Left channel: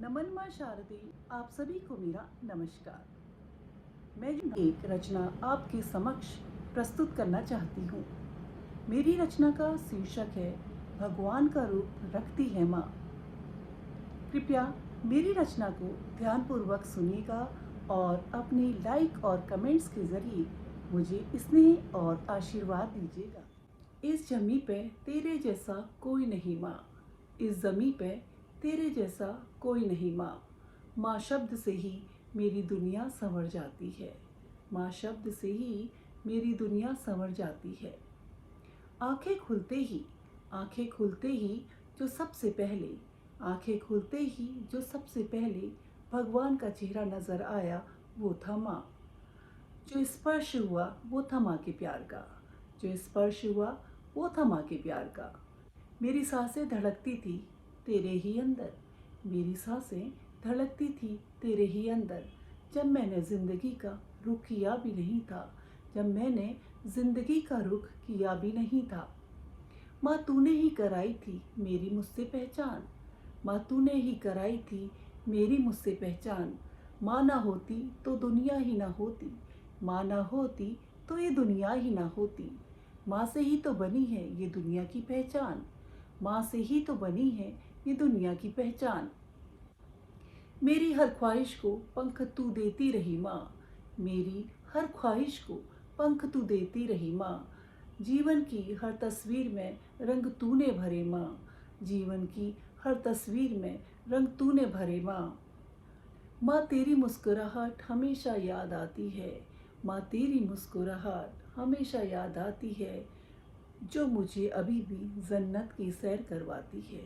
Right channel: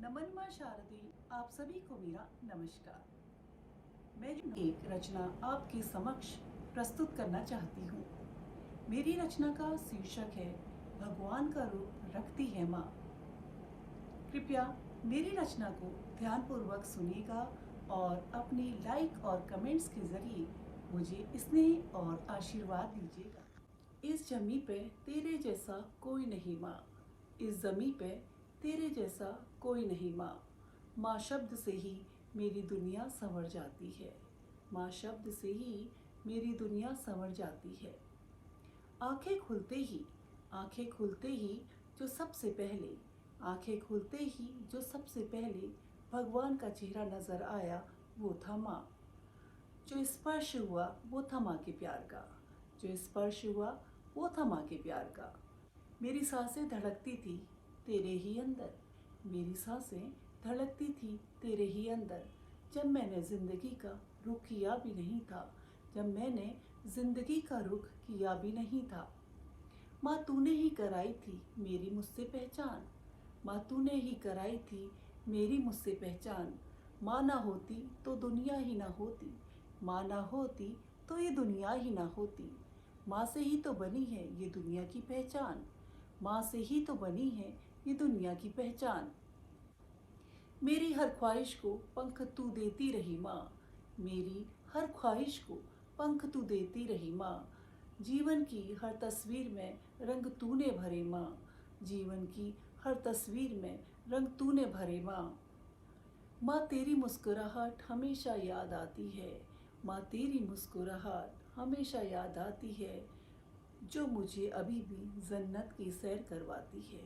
नमन माँ शारदे, आप सभी को मेरा नमस्कार। मैं एक रचना आपके समक्ष प्रस्तुत करना चाहती हूँ। मेरी रचना का शीर्षक है भगवान का रूप रखती है माँ। कृपया मेरी रचना को ध्यानपूर्वक सुनिएगा और अपने लाइक और कमेंट्स के जरिए मुझे स्नेह और आशीर्वाद दीजिएगा। इस जमी पे तेरे जैसा कोई नहीं माँ, इस जमी पे तेरे जैसा कोई नहीं माँ। माँ शब्द से ही मेरी दुनिया संवर जाती है, माँ शब्द से ही मेरी दुनिया संवर जाती है। आंखें खुलते ही, आंखें खुलते ही जो सबसे पहले, आंखें खुलते ही जो सबसे पहले भगवान का चेहरा नजर आया वो था माँ। जो स्पर्श हुआ वो था माँ के प्यार का, जो स्पर्श हुआ वो था माँ के प्यार का। मेरी सांसें धड़कती थी तेरे ही अंदर, मेरी सांसें धड़कती थी तेरे ही अंदर। जब मैंने जिंदगी का रुख किया भी नहीं था, जब मैंने जिंदगी का रुख किया भी नहीं था। माँ तूने ही कराई थी मेरी मुझसे पहचान, माँ तूने ही कराई थी मेरी मुझसे पहचान। माँ ना होती तो दुनिया ही ना होती, माँ ना होती तो ये दुनिया ही ना होती। माँ से ही तो बनी है ये दुनिया की पहचान, माँ से ही तो बनी है ये दुनिया की पहचान। मेरी हर ख्वाहिश को पंख तू देती रही माँ, मेरी हर ख्वाहिश को पंख तू देती रही माँ। जीवन की हर तस्वीर में रंग तूने भरे माँ, जीवन की हर तस्वीर में रंग तूने भरे माँ। माँ तेरी मुस्कुराहट हमेशा याद आती है, माँ तेरी मुस्कुराहट हमेशा याद आती है। जो मुझे अभी भी जन्नत की सैर करवाती है,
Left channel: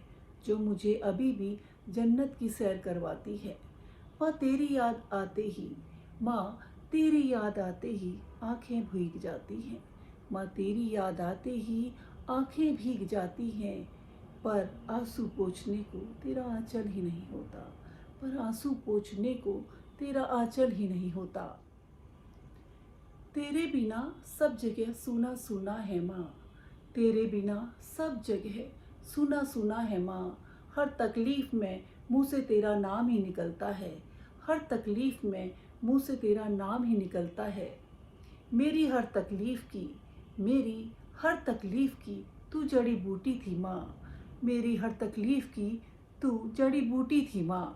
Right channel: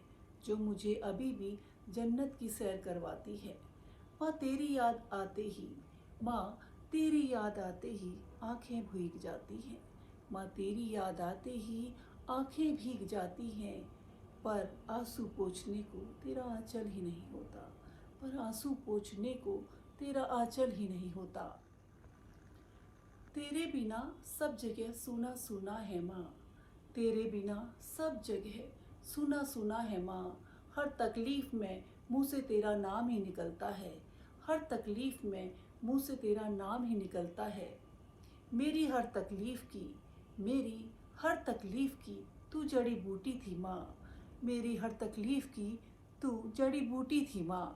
जो मुझे अभी भी जन्नत की सैर करवाती है। माँ तेरी याद आते ही, माँ तेरी याद आते ही आंखें भीग जाती हैं, माँ तेरी याद आते ही आंखें भीग जाती हैं। पर आंसू पोंछने को तेरा आंचल ही नहीं होता, पर आंसू पोंछने को तेरा आंचल ही नहीं होता। तेरे बिना सब जगह सूना सूना है माँ, तेरे बिना सब जगह सूना सूना है माँ। हर तकलीफ में मुँह से तेरा नाम ही निकलता है, हर तकलीफ में मुँह से तेरा नाम ही निकलता है। मेरी हर तकलीफ की, मेरी हर तकलीफ की तू जड़ी बूटी थी माँ, मेरी हर तकलीफ की तू जड़ी बूटी थी माँ।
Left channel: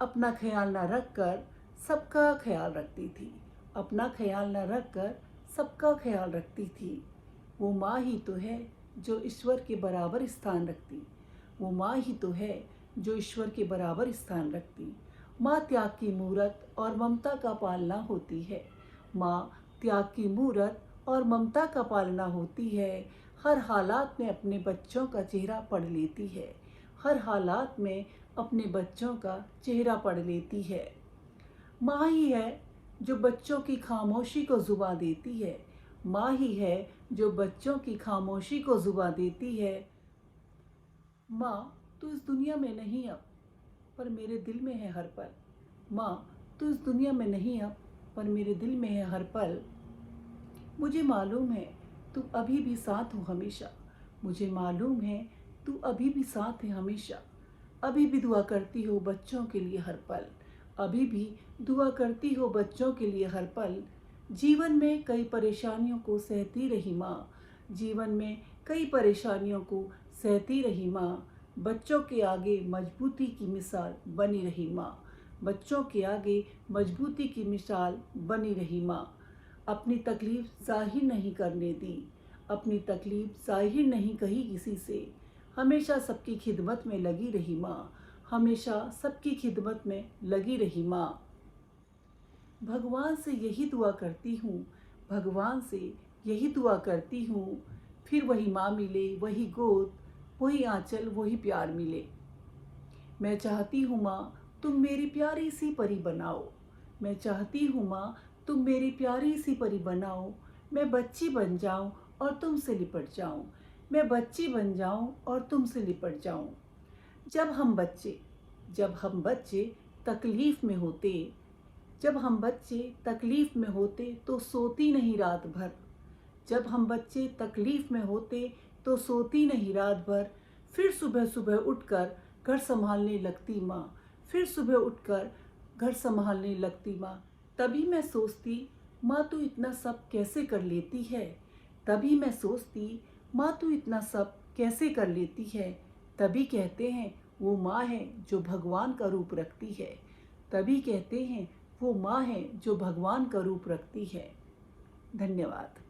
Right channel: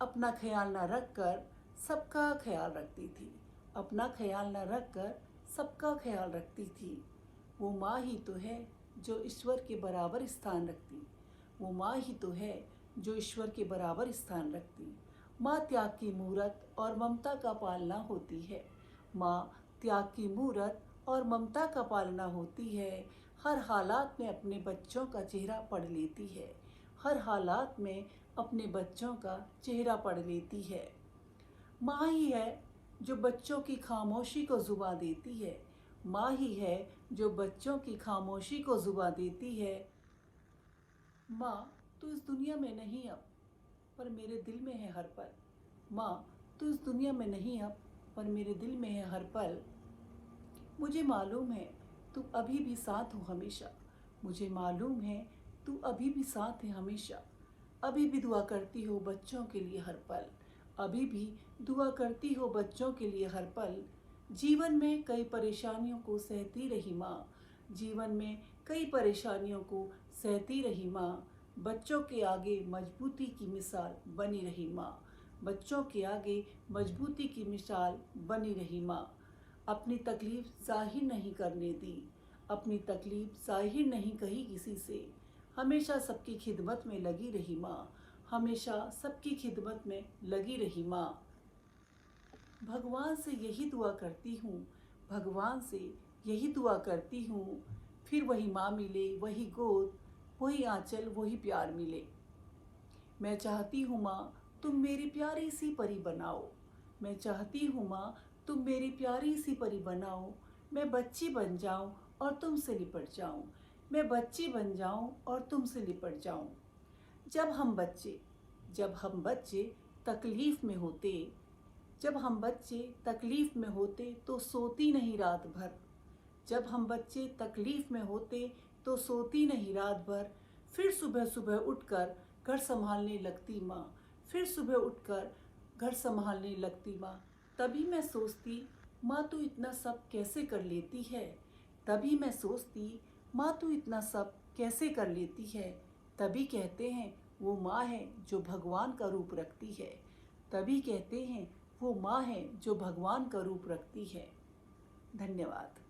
अपना ख्याल न रख कर सबका ख्याल रखती थी, अपना ख्याल न रख कर सबका ख्याल रखती थी। वो माँ ही तो है जो ईश्वर के बराबर स्थान रखती, वो माँ ही तो है जो ईश्वर के बराबर स्थान रखती। माँ त्याग की मूरत और ममता का पालना होती है, माँ त्याग की मूरत और ममता का पालना होती है। हर हालात में अपने बच्चों का चेहरा पढ़ लेती है, हर हालात में अपने बच्चों का चेहरा पढ़ लेती है। माँ ही है जो बच्चों की खामोशी को जुबां देती है, माँ ही है जो बच्चों की खामोशी को जुबां देती है। माँ तू इस दुनिया में नहीं अब, पर मेरे दिल में है हर पल, माँ तू इस दुनिया में नहीं अब, पर मेरे दिल में है हर पल। मुझे मालूम है तू अभी भी साथ हो हमेशा, मुझे मालूम है तू अभी भी साथ है हमेशा। अभी भी दुआ करती हो बच्चों के लिए हर पल, अभी भी दुआ करती हो बच्चों के लिए हर पल। जीवन में कई परेशानियों को सहती रही माँ, जीवन में कई परेशानियों को सहती रही माँ। बच्चों के आगे मजबूती की मिसाल बनी रही माँ, बच्चों के आगे मजबूती की मिसाल बनी रही माँ। अपनी तकलीफ जाहिर नहीं करने दी, अपनी तकलीफ जाहिर नहीं कही किसी से। हमेशा सबकी खिदमत में लगी रही माँ, हमेशा सबकी खिदमत में लगी रही माँ। भगवान से यही दुआ करती हूँ, भगवान से यही दुआ करती हूँ, फिर वही माँ मिले, वही गोद, वही आंचल, वही प्यार मिले। मैं चाहती हूँ माँ तुम मेरी प्यारी सी परी बनाओ, मैं चाहती हूँ माँ तुम मेरी प्यारी सी परी बनाओ। मैं बच्ची बन जाऊँ और तुमसे लिपट जाऊँ, मैं बच्ची बन जाऊँ और तुमसे लिपट जाऊँ। जब हम बच्चे, जब हम बच्चे तकलीफ में होते, जब हम बच्चे तकलीफ में होते तो सोती नहीं रात भर, जब हम बच्चे तकलीफ में होते तो सोती नहीं रात भर। फिर सुबह सुबह उठकर घर संभालने लगती माँ, फिर सुबह उठकर घर संभालने लगती माँ। तभी मैं सोचती, माँ तू इतना सब कैसे कर लेती है। तभी मैं सोचती, माँ तू इतना सब कैसे कर लेती है। तभी कहते हैं वो माँ है जो भगवान का रूप रखती है। तभी कहते हैं वो माँ है जो भगवान का रूप रखती है। धन्यवाद।